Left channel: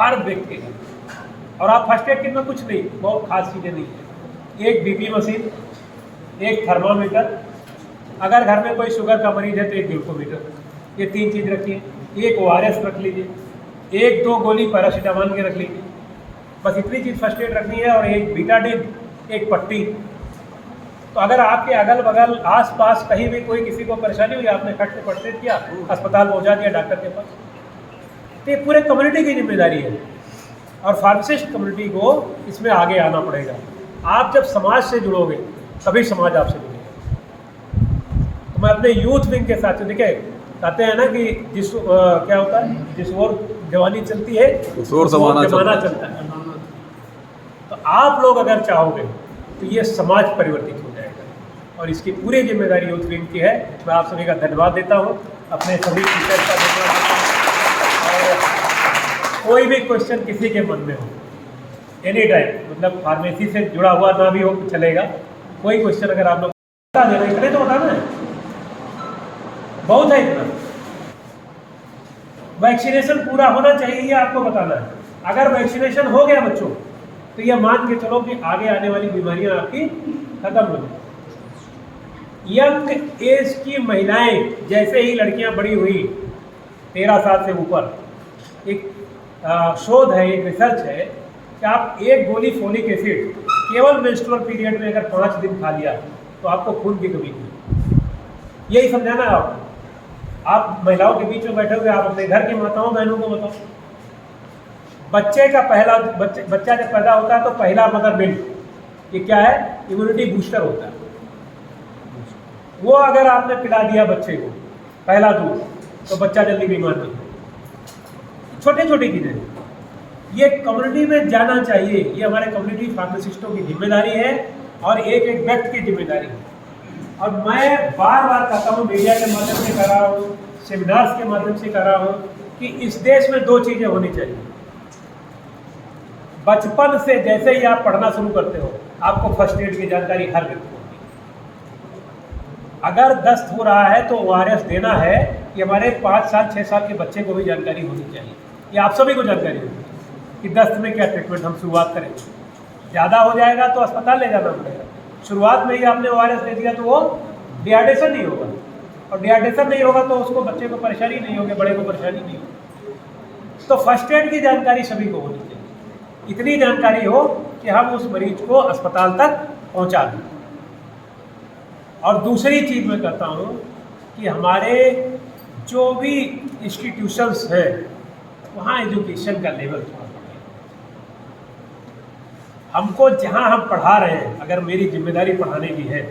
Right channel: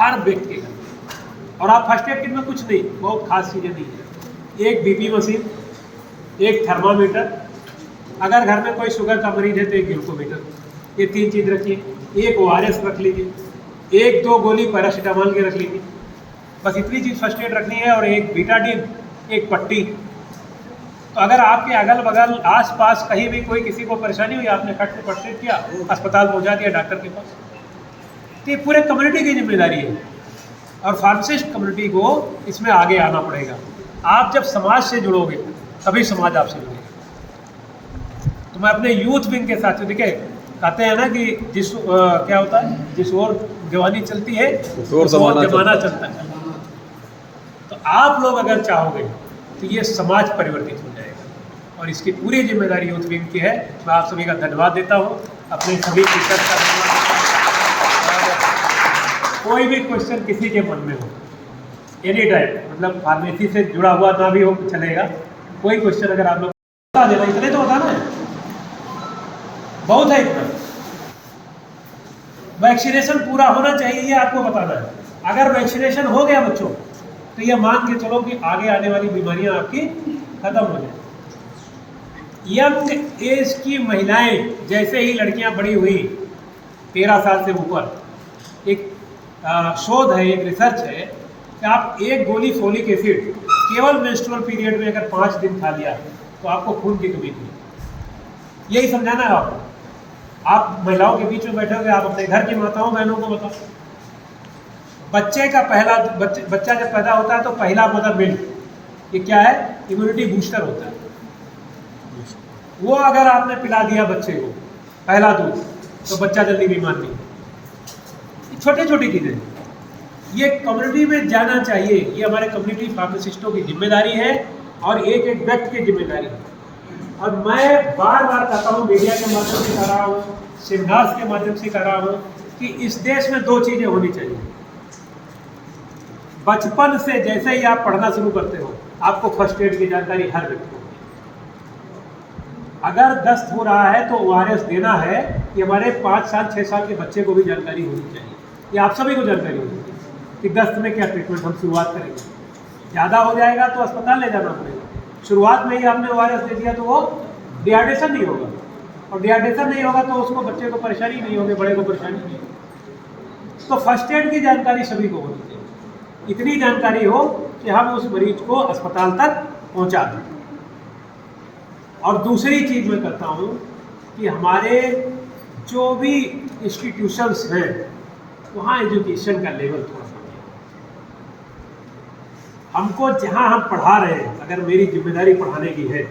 हर व्यक्ति के घर में। और आप फर्स्ट एड किट में कुछ नहीं, बहुत खास चीज़ें नहीं है। एक बीपी मशीन, एक थर्मामीटर, अगर घर में कोई शुगर का मरीज है तो एक ग्लूकोमीटर, ये 3 चीज़ रखिए। एक ORS रख लीजिए, 1-2 गोली पैरासीटामोल की रख लीजिए, बस इतनी चीज़ फर्स्ट एड रखनी है। और एक बीटाडिन, एक पट्टी। तो अगर आपके अगल बगल आस पास कहीं भी कोई किसी को परेशानी हुई, आपने खट में फर्स्ट एड किया, अस्पताल पहुंचा दिया डॉक्टर के पास, तो ये पूरे कम्युनिटी की जिम्मेदारी है। और फार्मासिस्ट कम्युनिटी को इसमें आगे आना पड़ेगा। आप जब समाज से जुड़ोगे तभी समाज आपसे जुड़ेगा। तो मैं अपने यूथ विंग के साथ, देखिए कहते हैं ना कि क्या होता है, जिस ओर जवानी चलती है उस ओर जमाना चलता है। तो आप लोग अगर चाहोगे तो ये समाज परिवर्तित हो जाएगा, और इसकी पूरी जिम्मेदारी यूथ विंग की है। मैं आप सभी का धन्यवाद देता हूँ, अपने सभी टीचर्स का धन्यवाद देता हूँ। और कोई भी क्वेश्चन किसी के मन में हो, एनी टाइम, मतलब फार्मेसी से जुड़ा हुआ ना भी हो तो चलेगा, कोई क्वेश्चन अगर आप लोग बता देना, इतने तो बताना है, बहुत है इतना। वैक्सीनेशन पूरा होना चाहिए, ये आपको बताना है। अगर वैक्सीनेशन हो गया बच्चों, तो ये मान के चलो कि आगे आने वाली बीमारियां आपकी खत्म हो जाए। यंग एज की महिलाएं, जैसे ही लड़कियां बड़ी हुई 13 साल से ऊपर, एक शोध है, एक रिसर्च है कि आप एक गोली फोलिक एसिड केवल मेंस्ट्रुअल पीरियड में अगर 5 दिन खा लिया तो आपको खून की कमी नहीं। यही समझाना है आपको। आप महिलाओं के बीच में बैठे हुए, आप अपने घर की माताओं बहनों को बताओ, बच्चे का पहला बच्चा जब पैदा होता है तो पहला मदर मिल्क, ये क्या है, इम्यूनिटी बूस्टर होता है। वो अगर आपने पिला दिया बच्चे को पहला दूध, तो बच्चा जल्दी बीमार नहीं। छोटी छोटी चीज़ें ये कम्युनिटी में जाना चाहिए। ये हमारे कम्युनिटी फार्मासिस्टों की जिम्मेदारी है और एक एक व्यक्ति की जिम्मेदारी है। और मैं बार बार कहता हूँ, मीडिया के माध्यम से कर रहा हूँ, सेमिनार्स के माध्यम से कर रहा हूँ, कि इस देश में 2 चीज़ें होनी चाहिए। बचपन से जैसे ही आप पढ़ना शुरू करते हो, आपको फर्स्ट एड की जानकारी हर व्यक्ति को होती है। अगर दस्त हो रहा है तो ORS देना है, ये हमारे 5 साल 6 साल के बच्चे को भी जानकारी होनी चाहिए। ये आप सभी को जानकारी होगी कि दस्त में क्या ट्रीटमेंट हम शुरुआत करेंगे। ज़्यादा हो जाएगा तो अस्पताल ले जाना पड़ेगा। शुरुआत में ही आपने ORS दे दिया तो वो डिहाइड्रेशन नहीं होगा, और डिहाइड्रेशन नहीं होगा तो उसको, बच्चे को परेशानी नहीं होगी, बड़े को परेशानी नहीं होगी। तो फर्स्ट एड की जानकारी सभी को होनी चाहिए। इतनी जानकारी हो कि हम उस मरीज को अस्पताल तक पहुंचा दें। और दूसरी चीज़ मैं करता हूं कि हमारे जो भी इंस्टीट्यूशंस हैं, वहाँ एजुकेशन का लेवल थोड़ा, हमको जहाँ हम पढ़ा रहे हैं, अगर मेरी जिम्मेदारी पढ़ाने की है